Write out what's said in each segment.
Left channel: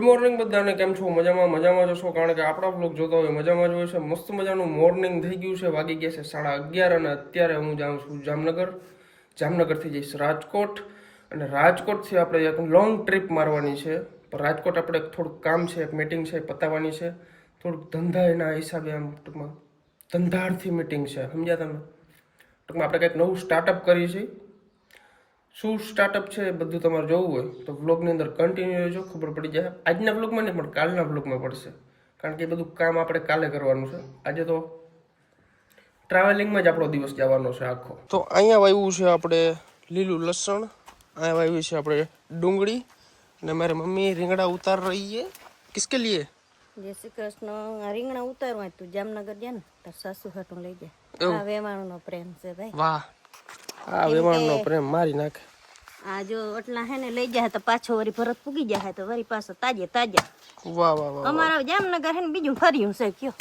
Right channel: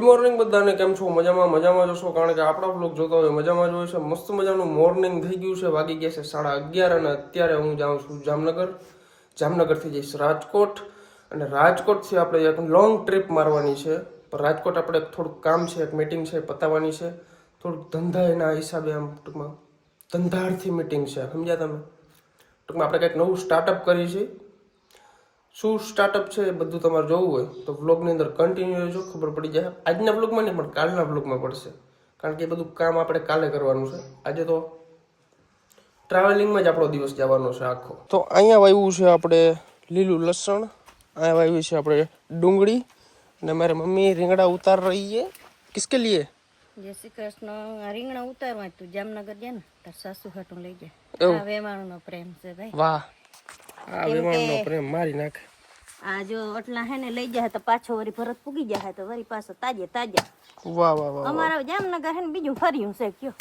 Good morning બધાને, કેમ છો? મજામાં જશો, કારણ કે આપણા વ્લોગ જોતા હોય મજામાં જ હોય છે. મસ્ત મજાનું મોર્નિંગ થઈ ગયું છે, વાગી ગયા છે 11:30 અને અત્યારે હું જાઉં છું જામનગરથી જઈશ રાજકોટ, અને રાજકોટથી આપણે એક લોંગ ટ્રીપ મારવાની છે. પણ રાજકોટ આપણે થોડુંક કામ છે, એક મીટિંગ છે પતાવવાની છે, થોડુંક ધંધા એના હિસાબે, આમ ટૂંકમાં ધંધાર્થી મીટિંગ છે, સમજ્યા તમે? ટૂંકમાં આપણે કંઈક નવું સ્ટાર્ટઅપ કરીએ છીએ. શું સ્ટાર્ટઅપ છે એ બધું તમારે જોવું હોય તો વ્લોગની અંદર કન્ટિન્યુ રહેજો, ખબર પડી જાય. આજના વ્લોગમાં નહીં પણ કાલના વ્લોગમાં પડશે, કારણ કે એ બધું કામ આપણે કાલે કરવાનું છે. આજે તો ટ્રાવેલિંગમાં જ આપણો દિવસ જવાનો છે આખો. તો અહીંયા વાવ્યું છે આપણે લીલું લસણ, અહીંયા વાવ્યું છે આપણે ડુંગળી, અને મારી મમ્મી રીંગણા ઉતાર રહી છે. કિસકે લીએ? જય શ્રી કૃષ્ણ. રીંગણા ઉતારવા તું જામનગર જા ને તાર સાસુ હાટું લઈ જાય. આ વેમાણનો પ્રેમ છે ભાઈ. વાહ, આ વેમાણનો પ્રેમ મારી નાખે. આ જો એટલા હે ને લઈ જાય તો પાછો વરી ભરત પૂગી જાય તો વરી પાછો તાજે તાજા. વાહ વાહ વાહ. અમારા જામનગર હે ને બીજું ફર્યું છે કયો.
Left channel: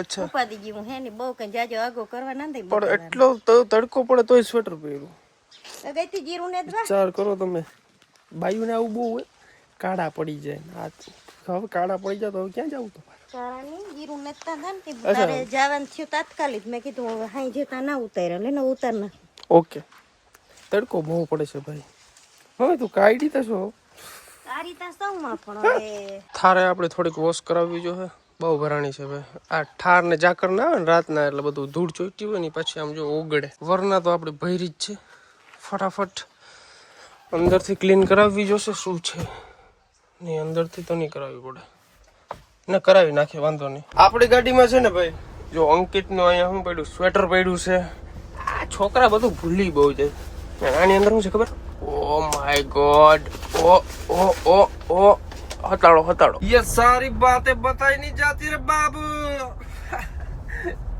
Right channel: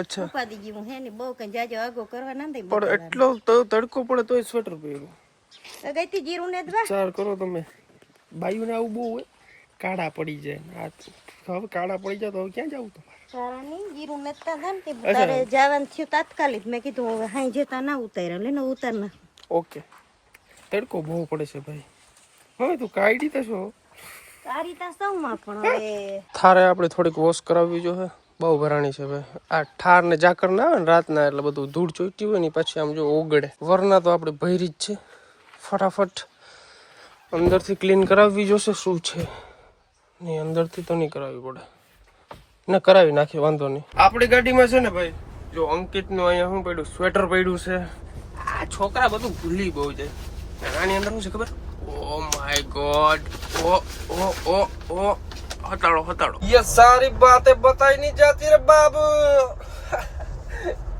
અચ્છા, ઉપાદી ગયું હે ને બહુ કઈ જાજો આગો કરવા ના દે. પણ એટલો તડકો પડે તોય સ્વેટર પહેર્યું. તો ગઈતી જીરું ને વિચાર કરો તમે, બાયુને આવું બહુ હોય, કાળા પડી જાય. હવે કાળા પડી જાય તો ક્યાં જવું તમારે? ચારાની જીરું ને તા ને કે બારે જવાનું થયું તાત્કાલિક. મેં કીધું હવે હાઈ જતા ના ઉતાર્યા, લેને ઉતાર ના. ઓકે, તડકો બહુ પડે છે ભાઈ. હવે તું કાઢી દેશો તારી તા સૌમાં પણ હવે થારે આપણે થોડીક વોશ કરાવવી જોઈએ, બહુ ભરાણી છે ભાઈ. આ ઠાર ને ઝાકર ના આવે ને રાતના, એટલે બધું ધૂળ ચોઈટી હોય ને પછી આમ જો ઓગળે. વરના તો આપણે ભરી જ છે. ફટાફટ અંદરથી ક્લીન કરાવવી જોશે. શું છે નહીં, અંદરથી તો નહીં કરાવવી પડે, ના કરાવી નાખીએ, વાંધો નહીં. આપણી ગાડીમાં છે ને ભાઈ, જો અંકિતનું અહીંયા શું પડ્યું, સ્વેટર પડ્યું છે. આ છોકરા બધું ભૂલી બહુ જાય. આની અંદર શું છે ખબર? ઓ માય ગોડ, ઓ ઓ ઓ ઓ, હટાડો. ये सारी बातें बताई नहीं जाती रे बाबू.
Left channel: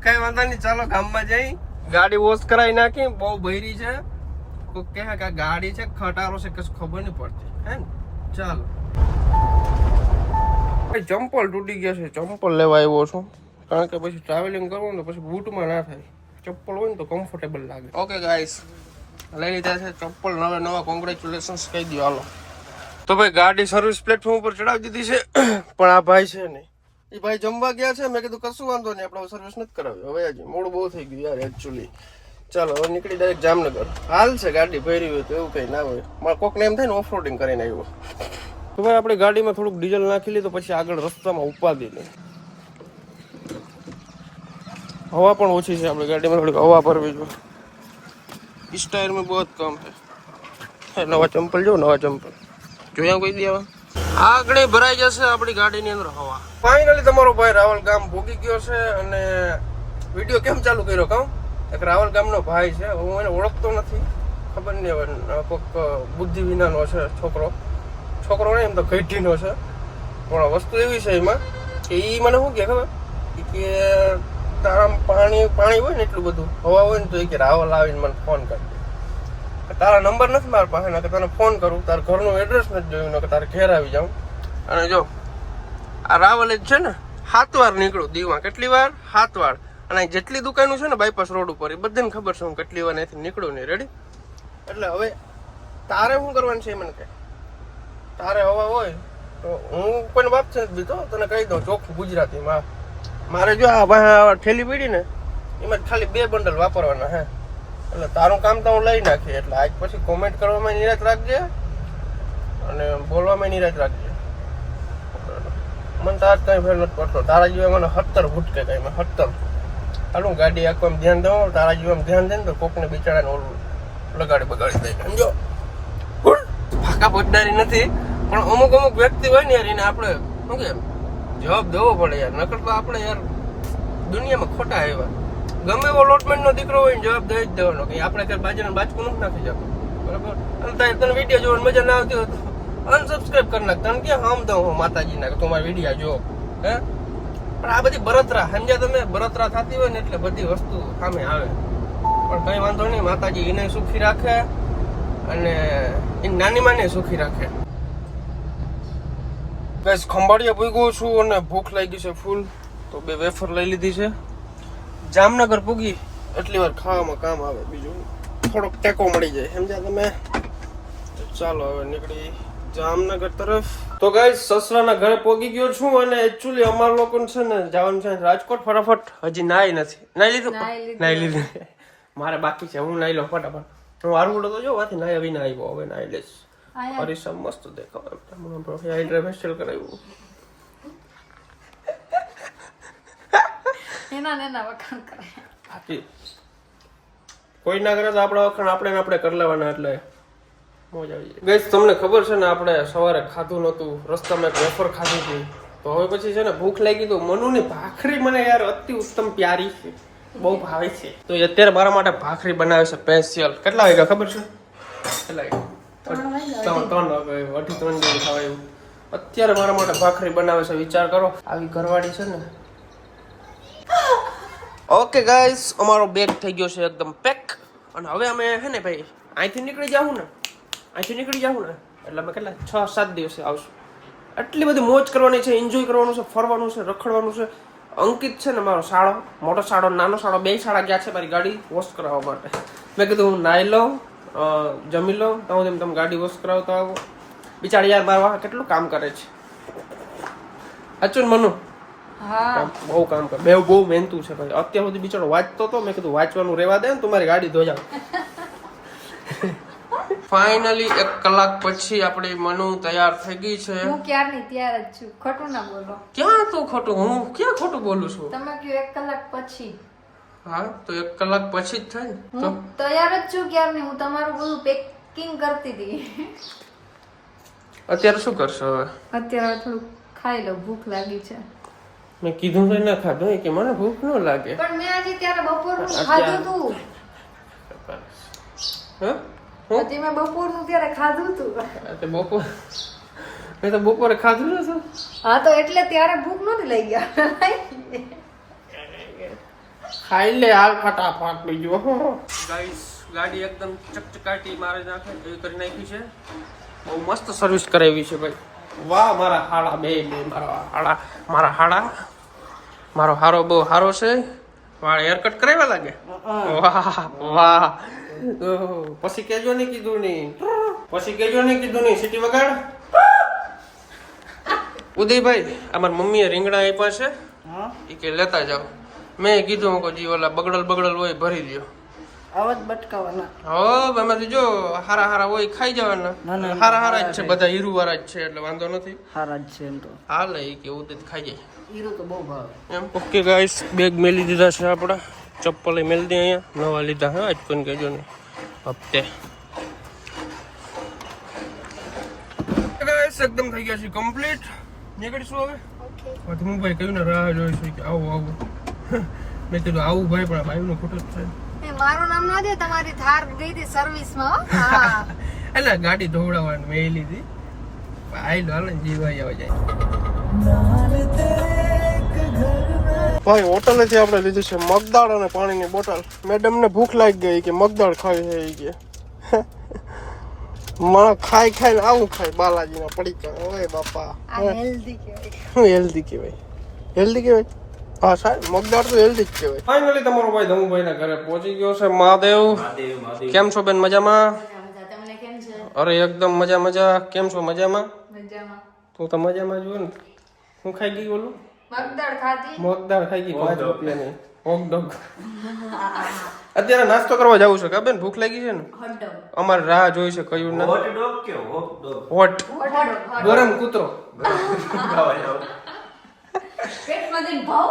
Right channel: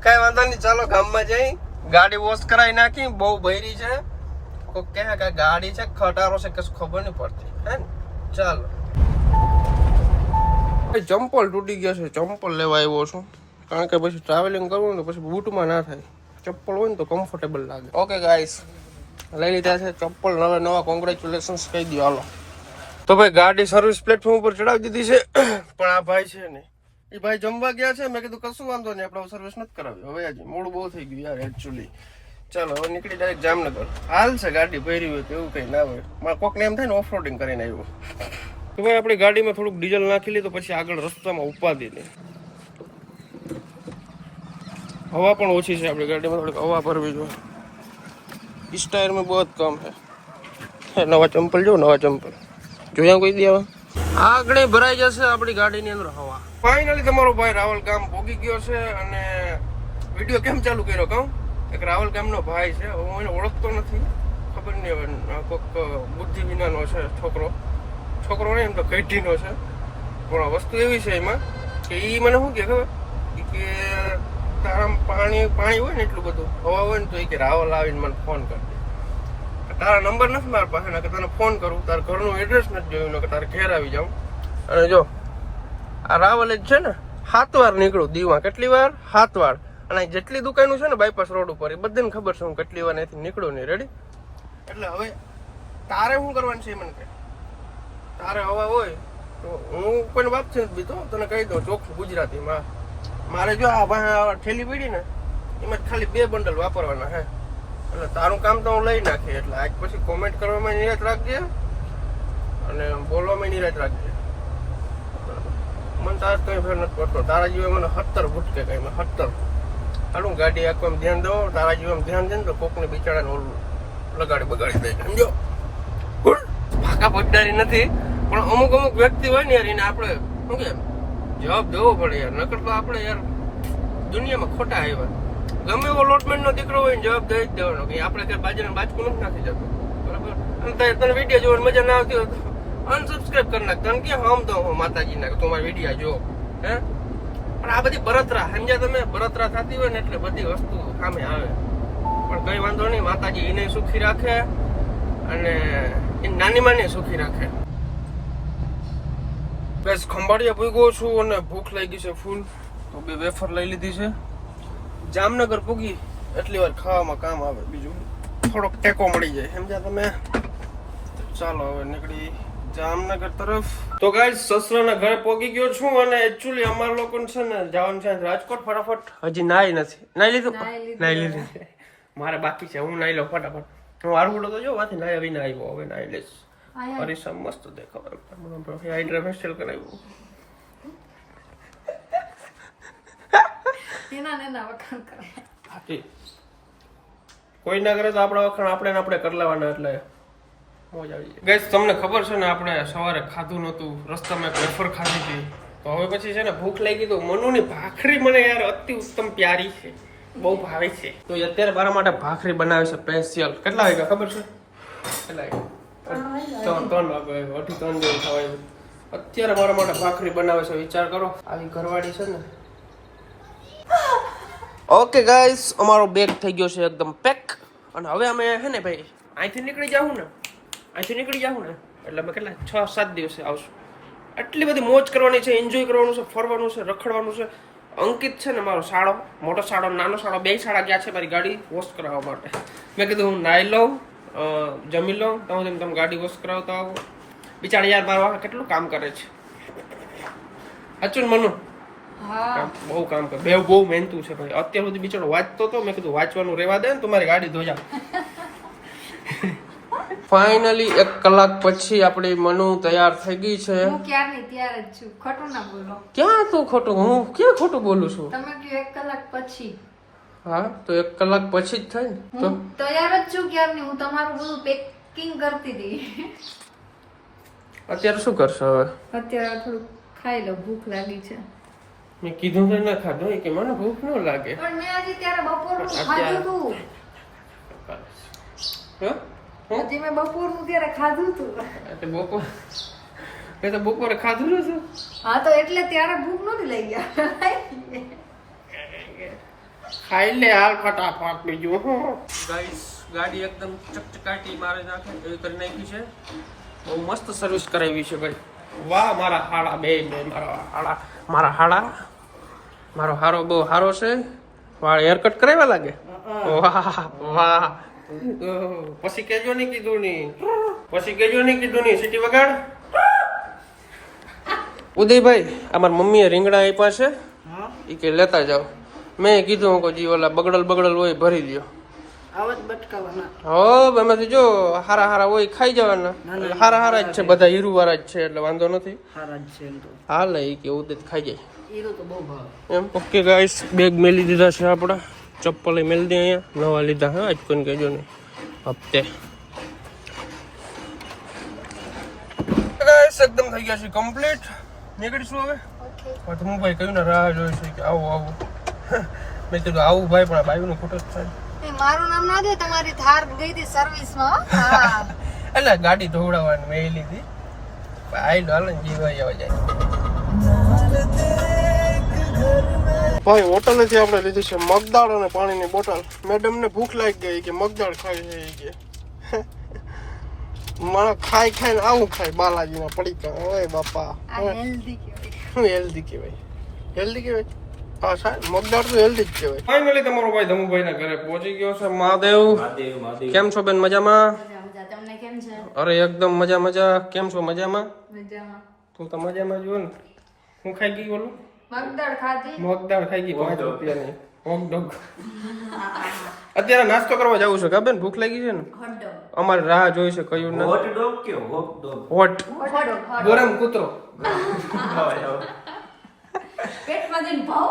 કઈ વાંધો નહીં, ચાલો ગામમાં જઈ ગાડી વોશ કરાવી નાખી. બહુ ભરી છે, કોઈ કહે કે ગાડી છે ખટારો છે, કશું ખબર નહીં પડતી હે ને. ચાલો, ચંપલ તૂટી ગયા છે, ચંપલ લેવા આવ્યો છું, કારણ કે પછી ટ્રાવેલિંગ કરવું ને પછી બૂટમાં ના થાય. ચપ્પલ હોય ને તો કમ્ફર્ટેબલ લાગે. ઓકે ગાઈસ, લઈ લીધા છે ચપ્પલ, નવા કોંગ્રેચ્યુલેશન્સ કહી દો. હાલો તો ભાઈ, ગાડી સર્વિસ પ્લેટફોર્મ ઉપર ચડાવી દીધી છે, પણ આ ભાઈ છે ને, એ ભાઈ જમવા ગયા છે. મેં કીધું કશું વાંધો નહીં, આપણે સર્વિસ નથી કરાવી. હવે હજી મોડું બહુ થઈ ગયું યાર એકચ્યુઅલી. ચાલો હવે નીકળી ડાયરેક્ટ જામનગર. હાલ છે ગાડી ભરી હોય તો, એવું કઈ ના હોય. મારે કોકને એમ થાય ને ઓફ રોડિંગ કરીને આવ્યો તો ભાઈ, આપણે ગાડીમાં થોડુંક ડીઝલ નાખી લીધું, પછી આગળ રસ્તામાં ઉપાદી નહીં. હવા પણ ઓછી છે, આપણે ગાડીમાં થોડીક હવા ભરવી જોઈએ. इस टायर में बहुत कम है. नवा चंपल जो, नवा चंपल જોયા કોઈ દી હવે. આગળ ભરાઈ જશે આપણી ગાડીની અંદર હવા. ફાઇનલી તમારો ભાઈ રાવલ ગામ ભોગી ગયો છે. અને વિડીયો કેમ ચાલુ કર્યો કહું? એક રાવલ ગામનો ભાઈ છે, હું એને ઓળખતો નથી, ખબર નહીં હવે કોઈક બુદ્ધિ વિનાનો છે છોકરો નહીં એમ તો ઘટીનો છે. પણ વસ્તુ એવી છે એમાં કે એ મને શું કે ખબર કે તારા પાણી હોય ને એટલું બધું હવા હોય ને તો એ કે રાવલ આવીને મને ફોન કરી દે. તારા નંબર નથી મારા પાસે, કે તને ફોન કરું, તારા ઘરનું એડ્રેસ નથી જોયું, કે તારે ઘેર આવી જાઉં. અને જો આ રાવલ જ છે ને, 7 વાર નીકળું દીવા. કેટલી વાર? 7 વાર. અને જેટલી દુકાનો છે ને બાયપાસ રોડ ઉપર, એ બધાને ખબર છે હું કેટલી વાર અહીંથી નીકળું નહીં. રેડી? એટલે હવે તારે શું કરવાનું છે મને કે, તારે હવા હોય તો હું કોઈને બાપ છે બીતો તને કહી દઉં ચોખ્ખું ગુજરાતીમાં. મારે જો આ ઠેલી પીડી ને એમાં ખાલી 2 બંડલ વાપરવાના હે. એટલે તારું કામ તો હું લઈ નાખી. એટલે આજ પછી કોમેન્ટ કરવામાં નિરાશ રાખજે અને બોલવામાં નિરાશ રાખજે. મને તાર કઈ ફેર નથી પડતો. તારા જીવા મને 17 ભૂટકે કઈ મેં 17. હાલું ગાડી આખો એમ ધ્યાન દો, તારા જીવામાં ધ્યાન દે ને તો કોકને બિચારાને ઓલું બગાડી દે. સમજો, ભાગા પગડારી નથી, પણ અમુક વ્યક્તિ હોય ને યાર, એને આપણે શું કે જવાબ દેવો પડે યાર. નકર તો આપણે યાર દુનિયામાં ખોટા આવ્યા. ગમે એવો લોટમેન્ટ નો દીકરો હોય ને જવાબ દઈ જ દેવાનો કે આપણે ઘર બાજુને બાજકું નથી નાખી જતું. બરાબર? અને તને વિડીયો જોવાની મજા ના આવતી હોય તો અનસબસ્ક્રાઈબ કરી નાખ. તને કે હમ તો હું માતાજીના કે તું મારા વિડીયો જો હે. પણ આ બધી બળતરા સમજ્યા તમે? બળતરા થતી હોય ને એટલે બધી વસ્તુ સામે આવે. પણ કઈ વાંધો નહીં, માતાજી એને સુખી રાખે અને એ નાની માને સુખી રાખે. બસ ખંભાળિયા પૂગ્યો છું અને ભૂખ લાગી છે ફૂલ, તો 2 વેફર લઈ લીધી છે. જામનગર પૂગી એટલી વાર ખાવામાં કામ આવે, બીજું થોડોક ટેકો મળી જાય સમજ્યા તમે. ચાલો હવે નીકળી જામનગર તરફ. તો ગાઈસ સસરાના ઘરે પહોંચી ગયો છું અને એકચ્યુઅલી અમારા લોકોને છે ને જવાનું છે રાજકોટ ફટાફટ. હજી નાઈ નથી. નાઈ લીધું. મારે બાકી છે, હું નાઈ લઉં ફટાફટ. હું આરગુડો તો જો વાથી નાઈ આવી આવ્યો, હવે નાઈ લઈશ. હરીસા મસ્ત દેખાવ, હાઇડ્રા ફેસ્ટિવલ કરાવ્યું. કોઈ ના કરે તો આપણા વખાણ આપણે કરી લેવાના, એટલે મોજ આવી જાય. ગઈસ તમને ખબર છે ને આપણે સવારે ખાધું નતું, રસ્તામાં એક વેફર ખાધી હતી. તો હવે પછી છે ને ભૂખ લાગી, તો મનુની ભાખરી મને યાર અતિ ઉત્તમ પ્યારી છે, બહુ ભાવે છે. તો અત્યારે મારા માટે ભાખરી બનાવે છે સ્પેશિયલ. કેટલા વાગ્યા ખબર છે? કેટલા વાગ્યા? 3 વાગે, 3 જેવું થવાયું. અત્યારે મારા માટે ભાખરી બનાવે છે. વિચાર કરો, આવી ઘરવાળી છે ને. ઓકે ગાઈસ, અમારો બેગ થઈ ગયો છે એકદમ પેક. અને હવે અમે હે ને ભાઈ અહીંથી નીકળી જાઉં ને એટલે અમે કેટલા 6-7 દિવસે આવશું. એટલી બધી મોજ કરવાની છે, એન્જોય કરવાનું છે, ફરવાનું છે, રખડવાનું છે. અંકિત છે ને મારો સાળો, મોટો સાળો નાનો સાળો, 2 સાળા ગયા છે મારી ગાડી વોશ કરાવવા માટે. મેં કીધું હું નાઈ લઉં, જમી લઉં, તો તમે ગાડી વોશ કરાવતો આવો. બિચારી યાર મારા કેટલું કામ કરે છે. અચુન મનુ બહુ કામ કરે, બહુ મહેનતું છે ભાઈ. અત્યાર સુધી બિચારો વાંચતો હતો, મેં કીધું વાંચવાનું રહેવા દે ને, તું મારી ગાડી ધોઈ જાવ. ફાઇનલી 1 કલાક પછી આપણી મનુ તૈયાર થઈ ગઈ છે. હું ક્યારની તૈયાર જ છું, ખોટું ના બોલો. ક્યાં તું ખોટું? હું ક્યાં ખોટું બોલું છું? તમે કહ્યું 1 કલાક પછી. હા તો 1 કલાક પછી જ થાય ને. તો તૈયાર જ છું ક્યારની. હું તમારું બધું પેકિંગ કરતી હતી. અત્યારે શું કરશો હવે? અત્યારે થોડું ખાઈ લો, ભૂખ લાગી છે. મેં કીધું કે ના ખાધું કે મને ભૂખ ન લાગે. પણ મેં આજે ત્યારે બપોરનું ખાધું હતું. હે? આજે મેં બપોરનું ત્યારે ખાધું હતું. મેં તો બપોરે ખાધું નતું. હા તો એટલે ત્યારે ભૂખ નહોતી લઈ ગયા. ખાઈ લે હાલ ફટાફટ. બીજું ગાઈસ ગાડી એકદમ ચકચકાટી મારે નાખે એવી કરી નાખી છે. બહુ મસ્ત સર્વિસ કરાવી છે ભાઈ. વાહ મારા હાડા બે મારા હાડા મારો હારો બહુ સારો છે. વાળ હેરકટ કરાવ્યા લાગે. વાહ વાહ. પછી કેજો નહીં કીધું નહીં સીટી વગાડ. ઉદયભાઈ અમારા મમ્મીએ રીંગણા આપ્યા છે, એ કે લેતા જાઓ. મેં કીધું કે જી ઓલા બગડલ હોય ભરી દો. આવાજ બટકાવાના. હો એમાંથી જો હારા હોય ખાઈ જવાના. હારા જ છે બધા, હીરુ વાળા જ છે એટલે વાંધો નથી. હારા જ છે એમ તો. હાલ એ કે ઉદય ખાઈ જાય. હીરુ તો બહુ ભાવે એમ. ઓકે ગાઈસ, બેગ મેલી દીધા છે આપણા. ચપ્પલ મેલી દે અહીંયા, નવા લીધા. હા આજ કોઈને કહેજો નહીં હપ્તે. ગાઈસ એકદમ થઈ ગયા છે કમ્પ્લીટ. નીકળીશું હવે. હું ભાઈ કહ્યું ને રાહ જોઈ છે કે આવું. મેં કીધું આવું ભાઈ, પણ ભાઈનો ફોટો છે. મારું નામ ના દે, તમારી થાર દઈ દે સર્વિસમાં. એટલે ગાડી ધોવડાવવાની મેં લીધી. આઈ હાલ જીવાઈ આવે જાય. ભાઈ હોટલેથી આપણે લીધી છે મગદાળ અને પાણીની બોટલ. મેડમ ને ભૂખ લાગી ગઈ કે મગદાળ ખાઈ છે કે મને ખાઈને આવું ખાય બાલાજીના પડીકા. ઓય બાપા, હેલ્ધી કહેવાય. શું હેલ્ધી કહેવાય? હા સાહેબ, મગદાળ તો હેલ્ધી જ કહેવાય. ફાઇનલી તમારો ભાઈ ધમુભાઈ ના ઘરે પહોંચી ગયો છે. મહાદેવ કેમ છો બેન? મજામાં? તમને કેમ છે? અરે એકદમ મજા. કેમ છો? મજામાં. તું તો મજામાં જ હોય ને. હું ખાઈ ગઈ બોલું? મગદાળ ખાધી. મગદાળ ખાઈ ગઈ 5 રૂપિયાની હોટડોગ. અત્યારે નાસ્તો કરવા જવું છે કા બેન? ભૂખ લાગી છે ને? અમારે રાહ જોઈ છે. કયું ના હોટ ગરમ કૂતરો. પેટમાં જઈને ભાવ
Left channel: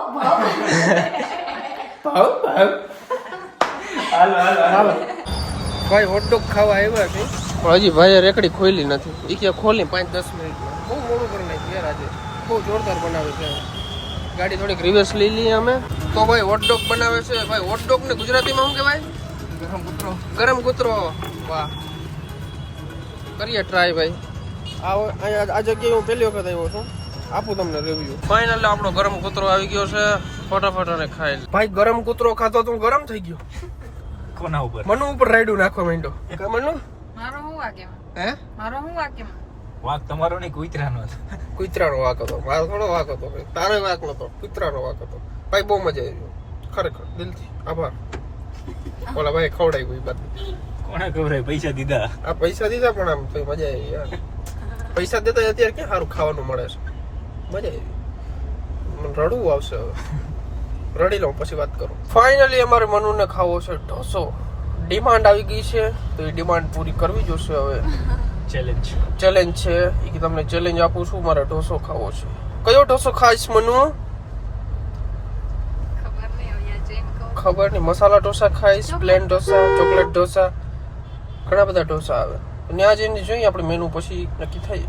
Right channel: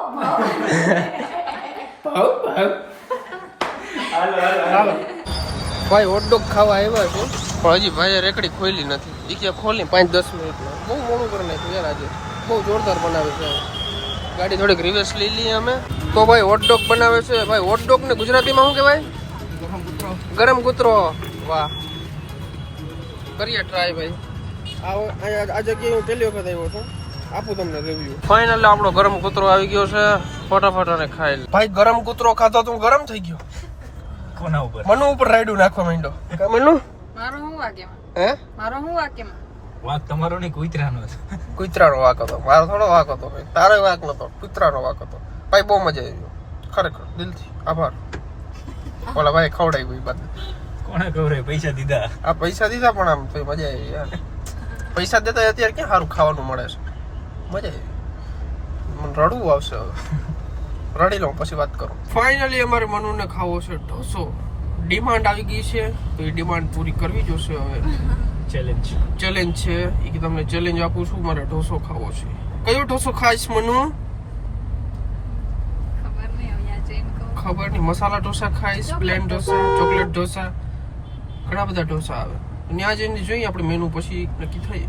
ભાઈ હોટડોગ ખાવા આવ્યા છે, પણ હજી ભાઈએ રેકડી ખોલી નથી. એ કે ખોલી 5-10 મિનિટમાં. બહુ મોડું કરી નાખ્યું યાર આજે. બહુ જોરદાર બનાવે છે. ગાડી થોડીક રિવર્સ લઈ લઈએ અમે. તો ભાઈ હોટડોગ બનાવે છે. ભાઈ હોટડોગ ને ગુજરાતીમાં શું કહેવાય? ગરમ કૂતરો. વાહ, કરીએ ટ્રાય ભાઈ. આ જગ્યાએ હું પહેલી વખત આવ્યો છું. આપું તમને રિવ્યુ. ફાઇનલી આપણો ગરમ કૂતરો આવી ગયો છે. ફટાફટ અને ખાઈ લે. ભાઈ ગરમ કૂતરો ખાતો તો હું ગરમ થઈ ગયો. કોના ઉપર? મનુ ઉપર રાયડું નાખવા માંડ્યો. કા મનુ? મારું હું વાગે? હે? મારું હું વાગે? વાંક તમારો નહીં, કૂતરાનો છે. કૂતરાનો વાંક હતો. મારો થોડો વાંક હતો. તારો વાંક નતો, કૂતરાનો વાંક હતો. ભાઈ બહુ મજા આવી. ખરેખર દિલથી આભાર. ઓલા ભાઈ ખવડાવી ગઈ બાદ. કોને ખવડાય? પૈસા દીધા. આ પૈસા દીધા પણ આમ તો મજા આવી યાર. પૈસા દેતા અત્યારે ક્યાં સારું ખાવાનું મળે છે. મજા આવી. મને રડવું આવશે હવે. રડી લઉં પછી વાત કરું. ફાઇનલી અમારે મનુને ખાવો છે ઢોસો. ડિમાન્ડ આવી ગઈ છે તો એ ડિમાન્ડ પૂરી કરવી જોશે હવે. ચેલેન્જ છે એ કે તમને ચેલેન્જ આપું છું, મારે ઢોસો ખાવો છે. કયો ઢોસો ખાઈશ મનુ? ખબર નહીં. મસાલા ઢોસા ખાઈશ, પ્લેન ઢોસા, ચોકલેટ ઢોસા, ઘણા બધા ઢોસા આવે. ત્યાં જઈને જોઈએ આપણે મેનુ પછી નક્કી થઈ.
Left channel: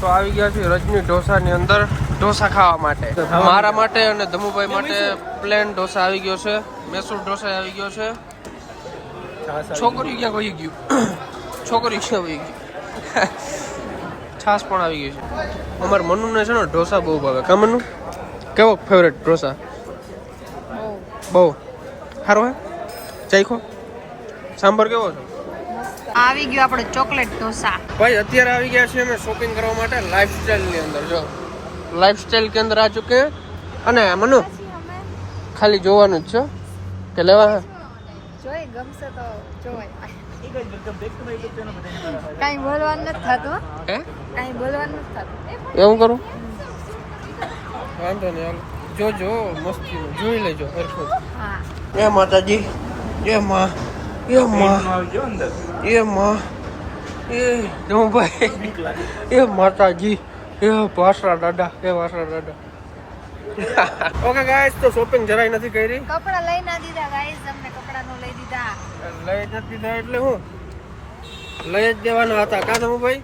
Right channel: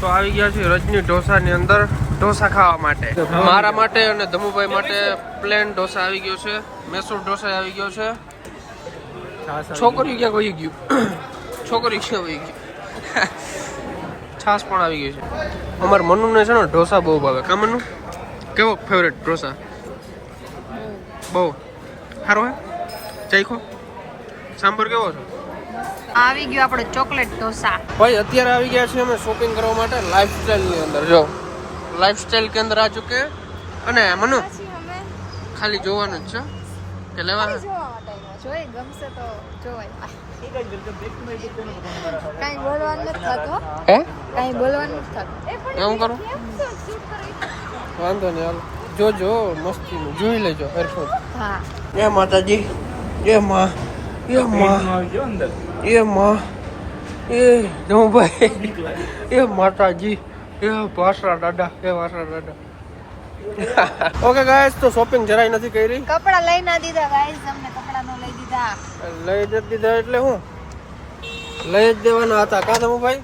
તો આવી ગયા છે રજની ઢોસાની અંદર ઢોસા ખાવા માટે. મારા માટે અને ધમુભાઈ માટે પ્લેન ઢોસા આવી ગયો છે. મૈસૂર ઢોસા આવી ગયો છે. છોકરી ક્યાં વહી ગયું? છોકરી ક્યાં વહી ગઈ? છાસ પણ આવી ગઈ છે. અમારે મનુને છે ને ઢોસા બહુ ભાવે. કા મનુ? કેવો ફેવરેટ ઢોસા? બહુ સારો હે. ચાખો. સાંભર કેવો છે? આવી ગયો આપણે ચોકલેટ ઢોસા. ભાઈ અત્યારે આવી ગયા છીએ અમે શોપિંગ કરવા માટે લાઈફસ્ટાઈલ ની અંદર. જો લાઈફસ્ટાઈલ કેન્દ્ર આ ચૂકે. અને મનુ ખાલી જોવાનું જ છે કે લેવા હે? જોઈ ગમશે તો જોવાય. કાંઈ બોલવાનું નથી થતો. હે કાંઈ બોલવાનું નથી થતું. એવું કરું? વાંધો નહીં હાલો. જોજો મસ્તીનું જોઈ લેજો હરખું. હા. જય માતાજી. જય માં. જય માં. એ માં. એ ભાઈ. એ માતાજી. એ વાસરા દાદા. એ વાસરા દાદા. ઓકે ગાઈસ, તો શોપિંગ જરાય નથી કરી. કપડા લઈ ના દીધા ગાઈસ, અમને કપડા નો લઈ દીધા. લઈ જ દીધા એટલે હું લઈ જ દેવાના હતા. કા તમે ભાઈ?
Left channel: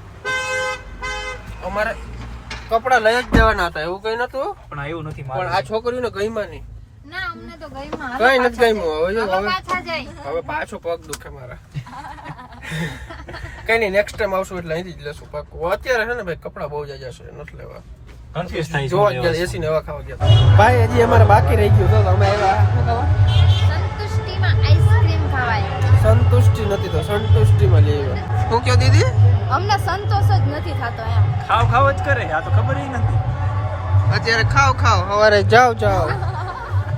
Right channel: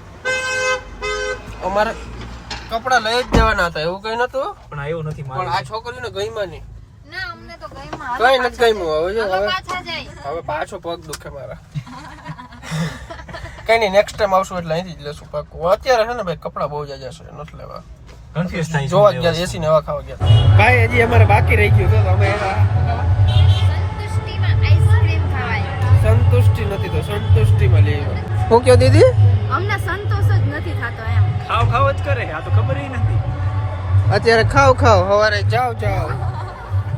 અમારે કપડા લઈ જ દેવાના હતા, એવું કઈ નતું. પણ એવું નથી પણ આ છોકરીઓને ગઈમાં નહીં. ના અમને તો ગઈમાં. કઈ નથી ગઈમાં. હવે જો હવે પાછા જાય. હવે પાછો પગ દુખે મારા. કઈ નહીં, નેક્સ્ટ ટાઈમ આવશું એટલે અહીંથી જ લેશું પાકું. અત્યારે છે ને ભાઈ કપડા બહુ જાજા છે, નથી લેવા. કન્ફ્યુઝ થાય જોવા જ ગયા એસી ને હવા ખાવા ગયા. ભાઈ હજી અમારે બાકી રહી ગયું તો અમે સંતુષ્ટિમાં આઈસ્ક્રીમ ખવાય. સંતુષ્ટિ નથી તો સંતુષ્ટિમાં લઈ આવ્યો. શું કયો દીદી? અમને સંતોષ જ નથી થતો એમ. ખાવ જ કરે. આ તો ખબર ય નથી. અત્યારે ખાવ સવારે જાવ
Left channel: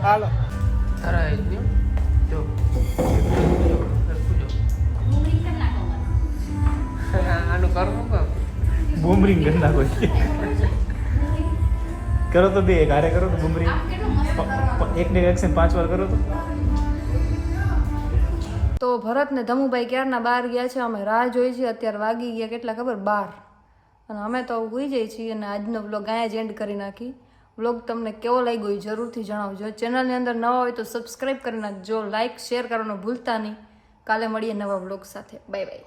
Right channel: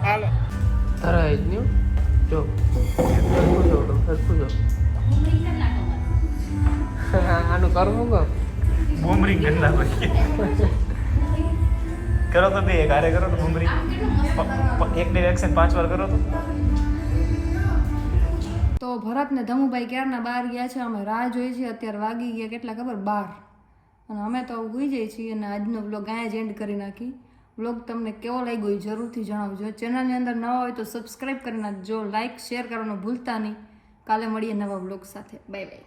હાલો. તારા જ નહીં જો આનું કરવું કામ બૂમરિંગ કરતા હોય. કરો તો બે ગારે કરો બૂમરિંગ. એક ડાયરેક્શન 5 વાર કરો તો ભરત ને ધમુભાઈ ક્યારના બહાર ગયા છે. અમે રાહ જોઈ છીએ. અત્યારે વાગી ગયા કેટલા ખબર? 12. અને અમે તો ભૂઈ જઈએ છીએ. અને આજનો વ્લોગ અહીંયા જ એન્ડ કરી નાખી. વ્લોગ તમને કેવો લાગ્યો એ જરૂરથી જણાવજો. ચેનલની અંદર નવા હોય તો સબસ્ક્રાઈબ કરી નાખજો. લાઇક શેર કરવાનું ભૂલતા નહીં. કાલે મળીએ નવા વ્લોગ સાથે. Bye bye.